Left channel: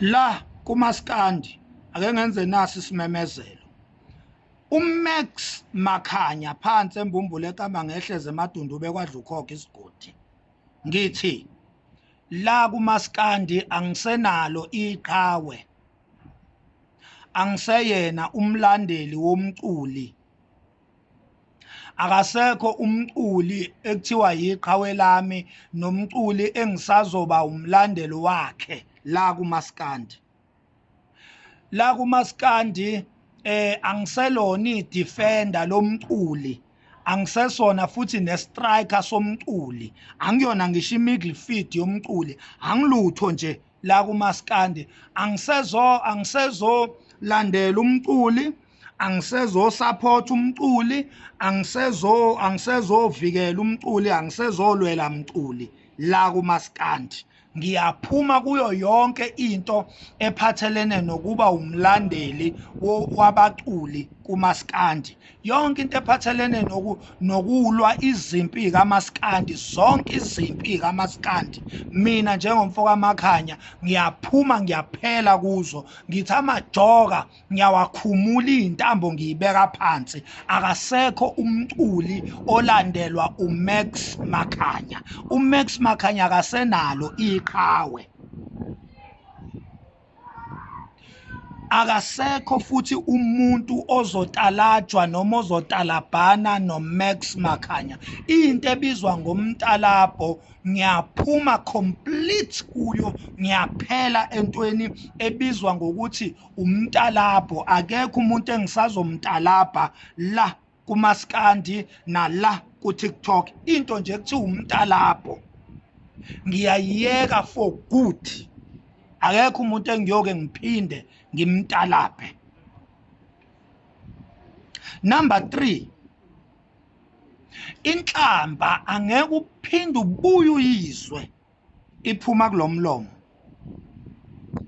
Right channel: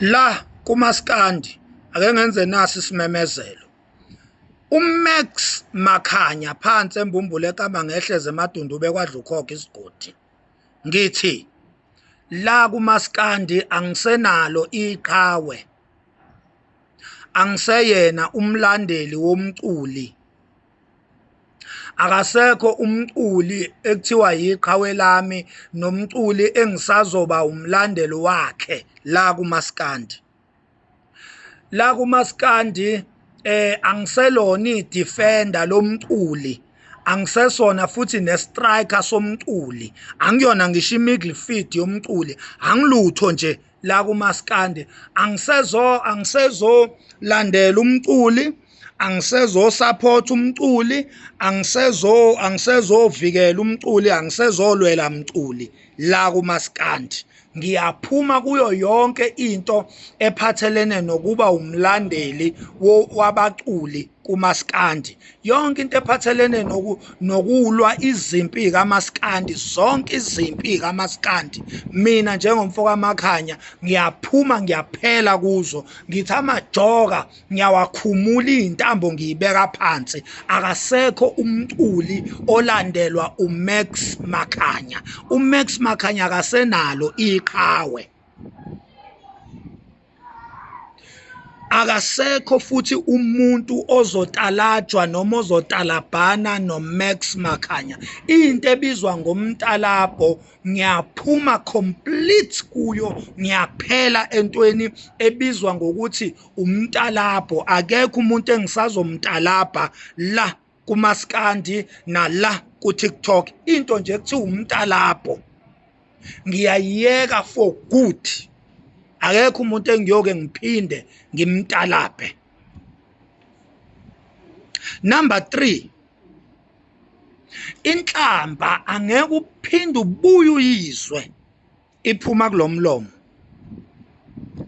La kuMaskandi ake ngenze nasi isimemezelo. UMax Makhanya phansi embumbulu ekama ngehleze emadundube kwadlukhokho isigodi. Ngithi la kuMaskandi angisenalo iqhawe. Angiseyena umlandeli womculi. Akasekho umculi ekuthiwa yiqhawe lami nomculi engisazoba umlandeli wakhe la kuMaskandi. La kuMaskandi angiselona idefender lomculi, angisesona futhi nestriker somculi, angiyona ngisho imidfield yomculi, angilutho nje la kuMaskandi. Angisezo landela umculi, angisezo support umculi, angisezovikela umculi, angisezolwela umculi la kuMaskandi. Ngiyaphuma kuyo yonke into ephathelene nokuba umlandeli wabaculi kuMaskandi. Yonke into ephathelene nokulwa izimpi kaMaskandi, zonke izimpi kaMaskandi, mina njengomfoka Makhanya ngiyaphuma ngiyaphela kuzo. Ngithi amajoka ngiyawakhumula intambo ngiyibeka phansi. Akasekho umculi olandelwa uMax Makhanya. uMax Makhanya akasenalo iqhawe. Akasekho futhi umuntu ozotalajwa noma ozotalabhana noMax Makhanya. Into ebizwa ngomtalabo ngiyaphuma complete kuyo, ngiyaphela entweni ebizwa ngokuthi umtalabo. Akekho umuntu engisazomtalabha la kuMaskandi nala kuTikTok. Into nje ekuthiwa umtalabo ngiyayiyeka for good. Akekho umuntu engiyoke ngiphinde ngimtalabhe. Number 3, inhlamba angeke uphinde ubuye uyizwe iphuma kulomlomo.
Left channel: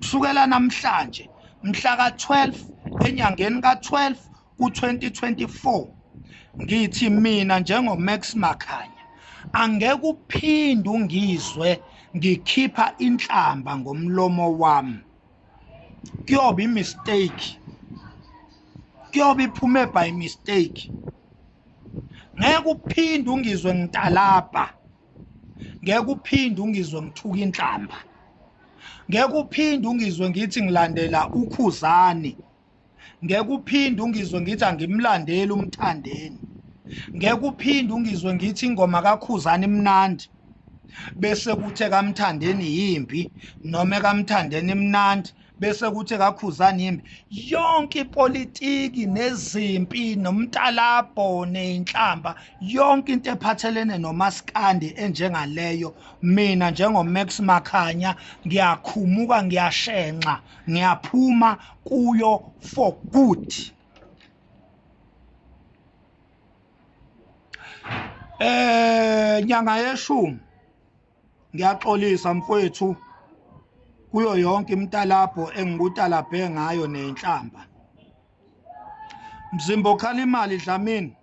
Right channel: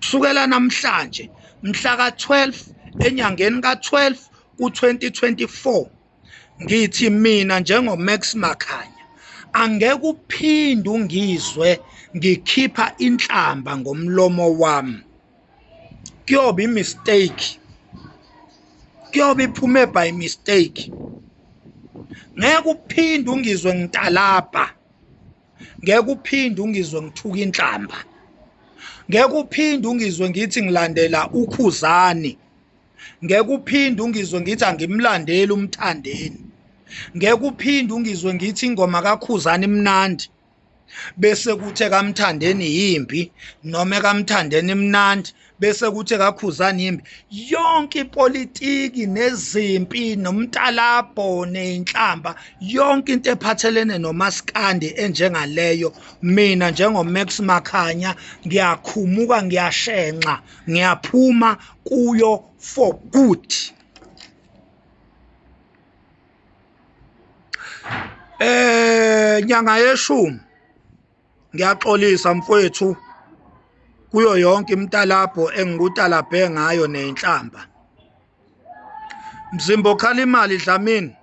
Kusukela namhlanje mhla ka-12 enyangeni ka-12 ku-2024 ngithi mina njengoMax Makhanya angeke uphinde ungizwe ngikhipha inhlamba ngomlomo wami. Kuyoba imistake, kuyoba iphume by mistake. Ngeke uphinde ungizwe ngitalabha, ngeke uphinde ungizwe ngithuka inhlamba, ngeke uphinde ungizwe ngithi ngilandela uKhuzani, ngeke uphinde ungizwe ngithi angimlandeli uMthandeni, ngeke uphinde ungizwe ngithi ingoma kaKhuzani imnandi bese kuthi kaMthandeni yimbi, noma kaMthandeni imnandi bese kuthi kaKhuzani yimbi. Yonke ipolitiki nezimpi nomtalabo nenhlamba, yonke into ephathelene noMaskandi enjengaleyo, mina njengoMax Makhanya ngiyakhumuka, ngiyashenxa, ngiyaphuma kuyo for good. Nyanga yeshumi ngiyaxolisa mfowethu kuyo yonke imtalabo engikutalabhe ngayo nenhlamba. Mzimba Khalimali Dlamini,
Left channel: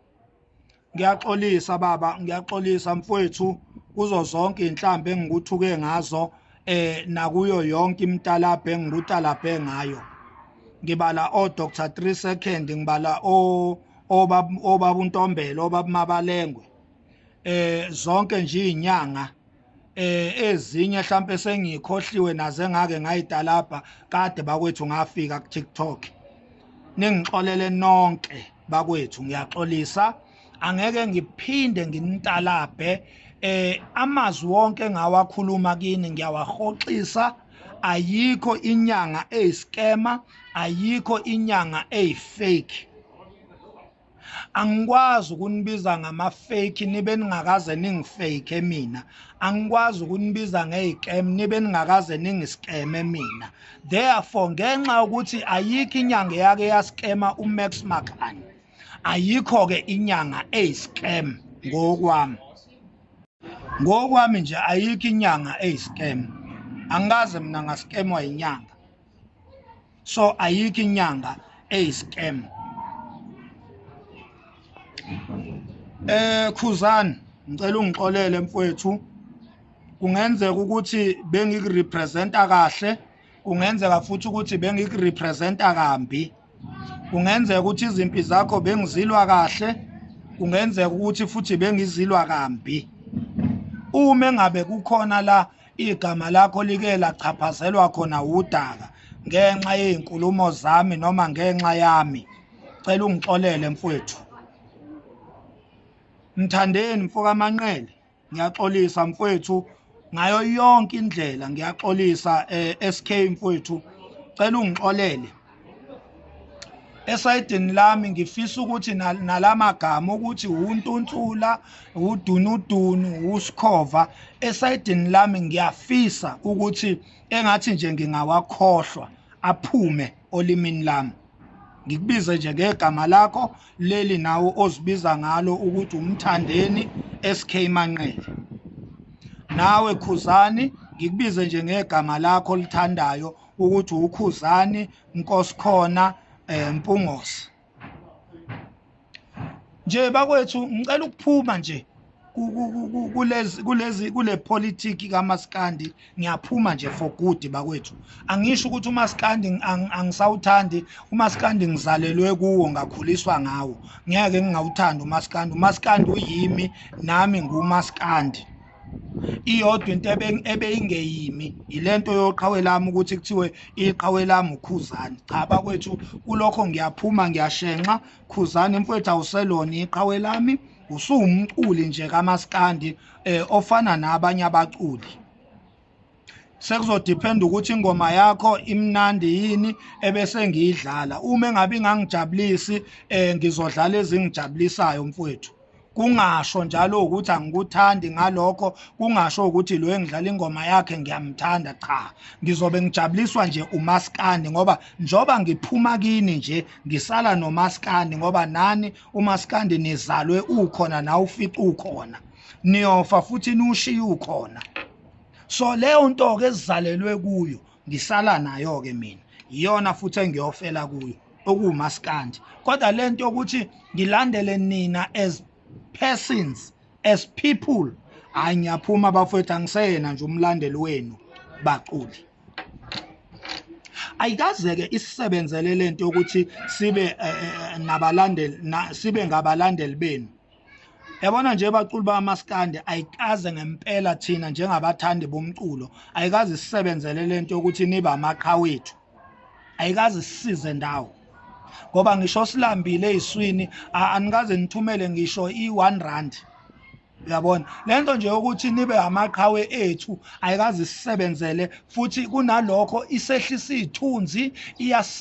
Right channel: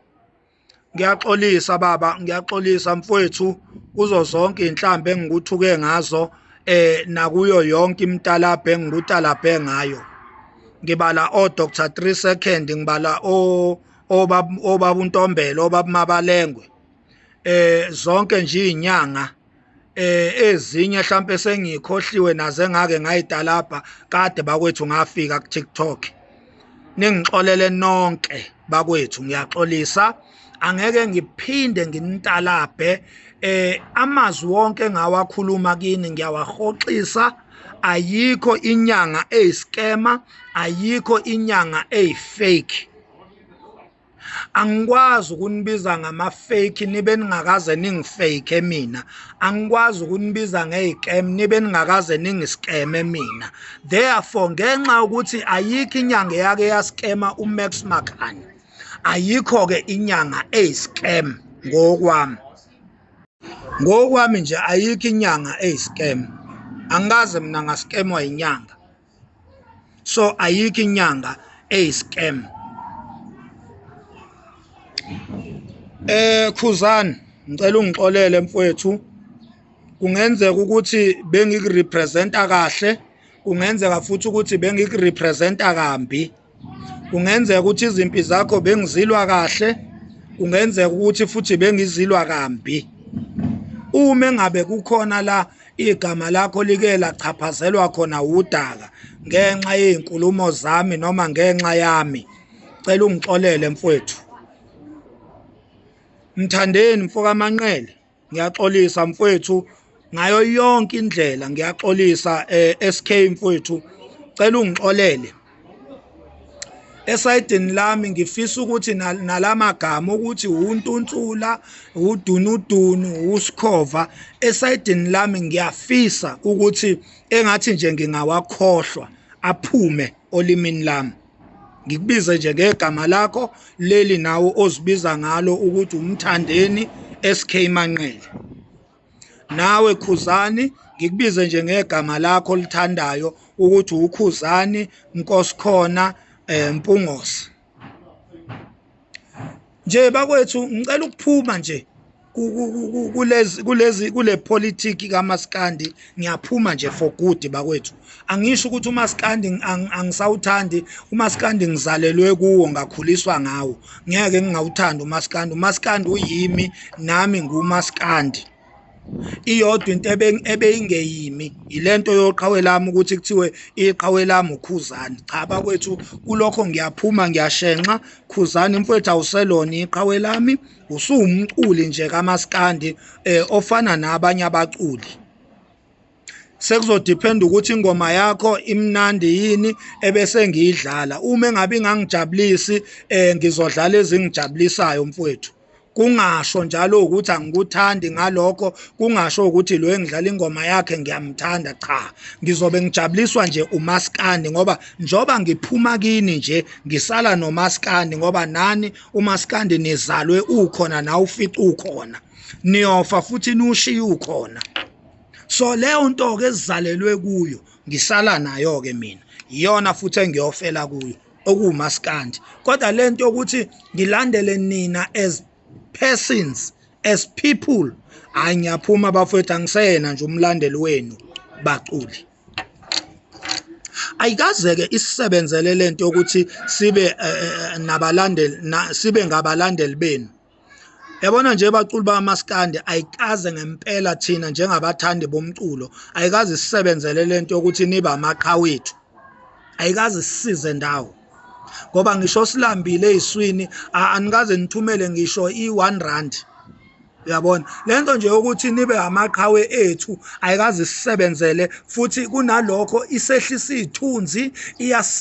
ngiyaxolisa baba, ngiyaxolisa mfowethu kuzo zonke inhlamba engikuthuke ngazo nakuyo yonke imtalabo engikutalabhe ngayo. Ngibala Dr. 3 Second, ngibala obaba uNtombela, obaba Mabalengwe, zonke nje inyanga ezinye mhlambe sengikhohliwe naze ngake ngayitalabha kade bakwethu ngafika kuTikTok. Ningixolele nonke bakwethu, ngiyaxolisa, angeke ngiphinde nginitalabhe. Amazwi wonke engawakhuluma kini ngiyawahoxisa. Ayikho inyanga eyiskema, ayikho inyanga eyifake. Angikwazi ukunibiza ngama-fake nibe ningakaze ningifake mina. Angikwazi ukunibiza ngey'cam nibe ningakaze ningiskeme mina. Therefore ngenxa yokuthi ayikho inyanga eyake yaskema uMax Makhanya, ayikho-ke inyanga eyiscam ngokwami. Ngokwami nje ayikho inyanga eyiscam. Angikaze mina ngaskemwa inyanga. So ayikho inyanga eyiscam. Khuzani, ngicela ungixolele mfowethu. Kungenzeka ukuthi bengikurepresenta kahle kungenzeka futhi ukuthi bengikurepresenta kambi, kungenzeka ukuthi izimpi zakho bengizilwa kahle, kungenzeka ukuthi futhi bengizilwa kambi. Uma ngabe kukhona la igama lakho like lachaphazelwa khona udaka ngenxa yezinkulumo zami noma ngenxa yami, cela ungixolele mfowethu. Mthandeni mfoka Manqele, ngiyaxolisa mfowethu ngayo yonke indlela, ngiyaxolisa SK mfowethu, cela ungixolele. Esayidini lami ngifisa ukuthi nalamagama ukuthi uNtuntula, uDunudunu, uSkhova, esayidini lami ngiyafisa ukuthi engathi nje ngingawakhohlwa aphume olimini lami. Ngikubize nje ngegama lakho leli nawo ozibiza ngalo ukuthi uMthandeni SK Manqele. Nawe Khuzani ngikubize nje ngegama lakho lithandayo ukuthi uKhuzani Nkosikhona Mpungose. Nje bakwethu ngicela ukuphuma nje kule politiki kaMaskandi, ngiyaphuma nje for good bakwethu. Angisho ukuthi uMaskandi angisawuthandi, uMaskandi ngizalelwe kuwo ngakhuliswa ngawo, ngeke ngingawuthanda uMaskandi. uMaskandi uyimi nami nguMaskandi. Iyodwa into ebeyingeyimi ilento yoqhawe lami ukuthi kuthiwe iqhawe lami uKhuzani. Cha bakwethu, kulokho ngiyaphuma ngiyashenxa. Khuzani mfowethu awuselona iqhawe lami, usumculi nje kaMaskandi ofana nabanye abaculi. Sekuzodependa ukuthi ingoma yakho imnandi yini ebese ngiyidlala. Uma engabe ngangijabulisi ngizodlala ezingijabulisayo mfowethu. Kungasho njalo ukuthi angikuthandi ngalokho, kungasho ukuthi lo engidlala ingoma yakhe ngiyamthanda. Cha, ngizobe ngijabuliswa nje uMaskandi ngoba njoba ngiphuma kini nje ngisala noMaskandi ngoba nani uMaskandi nizalwe ukhona na ufica ukhona, niyofa futhi niushiya ukhona. So leyo nto ke ezizalelwe kuyo ngisala nayo ke mina, iyona futhi engiyofela kuyo okuMaskandi. Kodwa lento ukuthi ngilandele nina as persons, as people, hayi ngiyaphuma bafowethu, angisena nje umlandeli wenu baculi. Ayikaze-ke isisebenzele lento yokuthi sibe nabalandeli, sibe ngabalandeli benu. Yabona nje baculi bakaMaskandi, ayikaze ngempela thina njengabathandi bomculo, ayikaze sisebenzele lento yokuthi nibe amaqhawethu, ayikaze sisize ndawo. Ngoba ngisho silambile eziswini anikaze nithumele ngisho i1 rand. Uyabona lento nje ukuthi nibe amaqhawe ethu ayikaze sisebenzele, futhi kunalokho isehlisa izithunzi,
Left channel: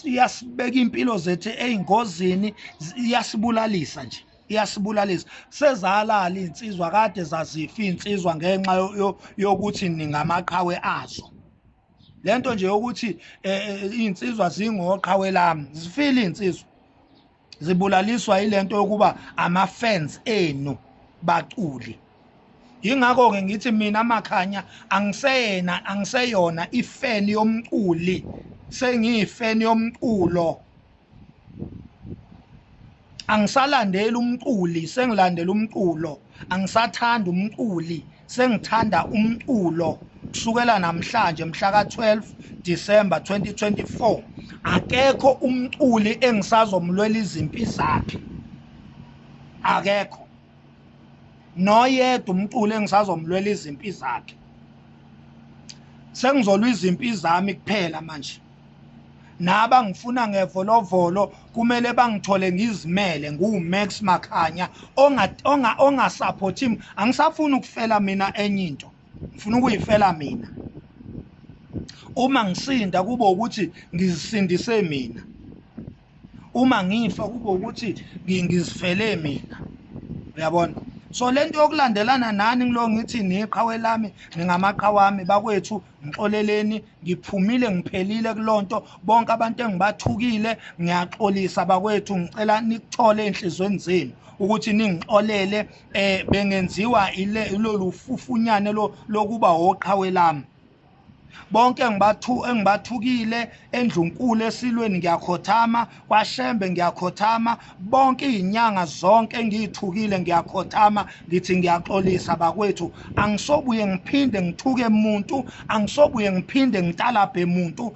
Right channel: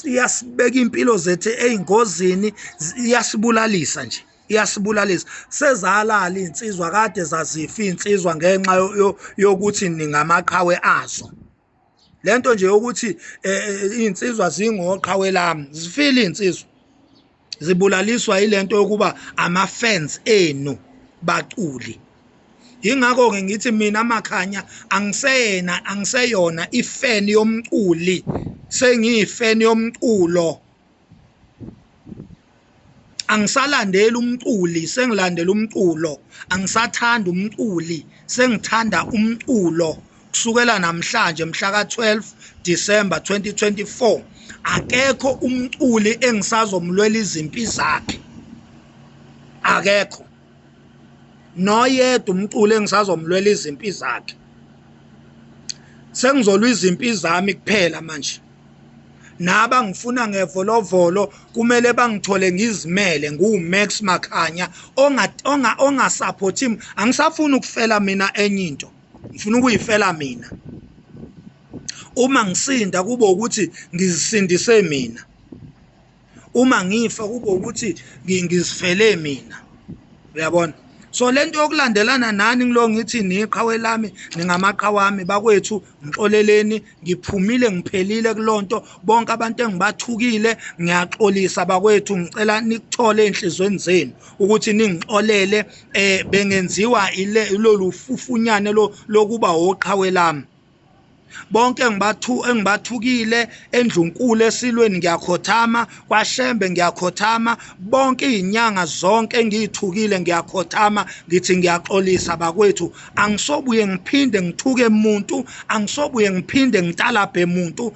iyasibeka impilo zethu ezingozini, iyasibulalisa nje, iyasibulalisa. Sezalala insizwa kade zazifa insizwa ngenxa yokuthi ningamaqhawe azo. Lento nje ukuthi insizwa zingoqhawe lami, zifile insizwa zibulaliswa ilento yokuba ama-fans enu baculi. Ingakho ke ngithi mina Makhanya angiseyona ifan yomculi, sengiyifan yomculo. Angisalandeli umculi, sengilandela umculo. Angisathanda umculi, sengithanda umculo. Kusukela namhlanje mhla ka-12 December 2024 akekho umculi engisazomlwela izimpi zakhe, akekho noyedwa umculi engisazomlwela izimpi zakhe. Sengizolwa izimpi zami kuphela manje. Naba ngifuna ngevolovolo kumele bangithole ngizimele, nguMax Makhanya ongasupporti. Angisafuni ukufela mina enye into, ngifuna ukuyifela mina. Uma ngisinda kube ukuthi ngizisindise mina, uma ngifa kube ukuthi ngizifele mina. Uyabona? So lento yokulandelana nani ngilo ngithi niqhawe lami ningamaqhawe wami bakwethu, ngixoleleni, ngiphumile ngiphelile kulonto. Bonke abantu engibathukile ngiyaxolisa bakwethu, ngicela nikuthole enhlizweni zenu ukuthi ningixolele. Bengenziwa ilolu fufunyane lokuba oqhawe lami. bonke engibathukile eNdlunkulu eSilweni ngiyakhothama, kwaShembe ngiyakhothama, bonke izinyanga zonke engiyithukile ngiyakhothama, ngithi ngiyaxolisa bakwethu. Angisobuye ngiphinde ngithuke umuntu, angisobuye ngiphinde ngitalabhe umuntu.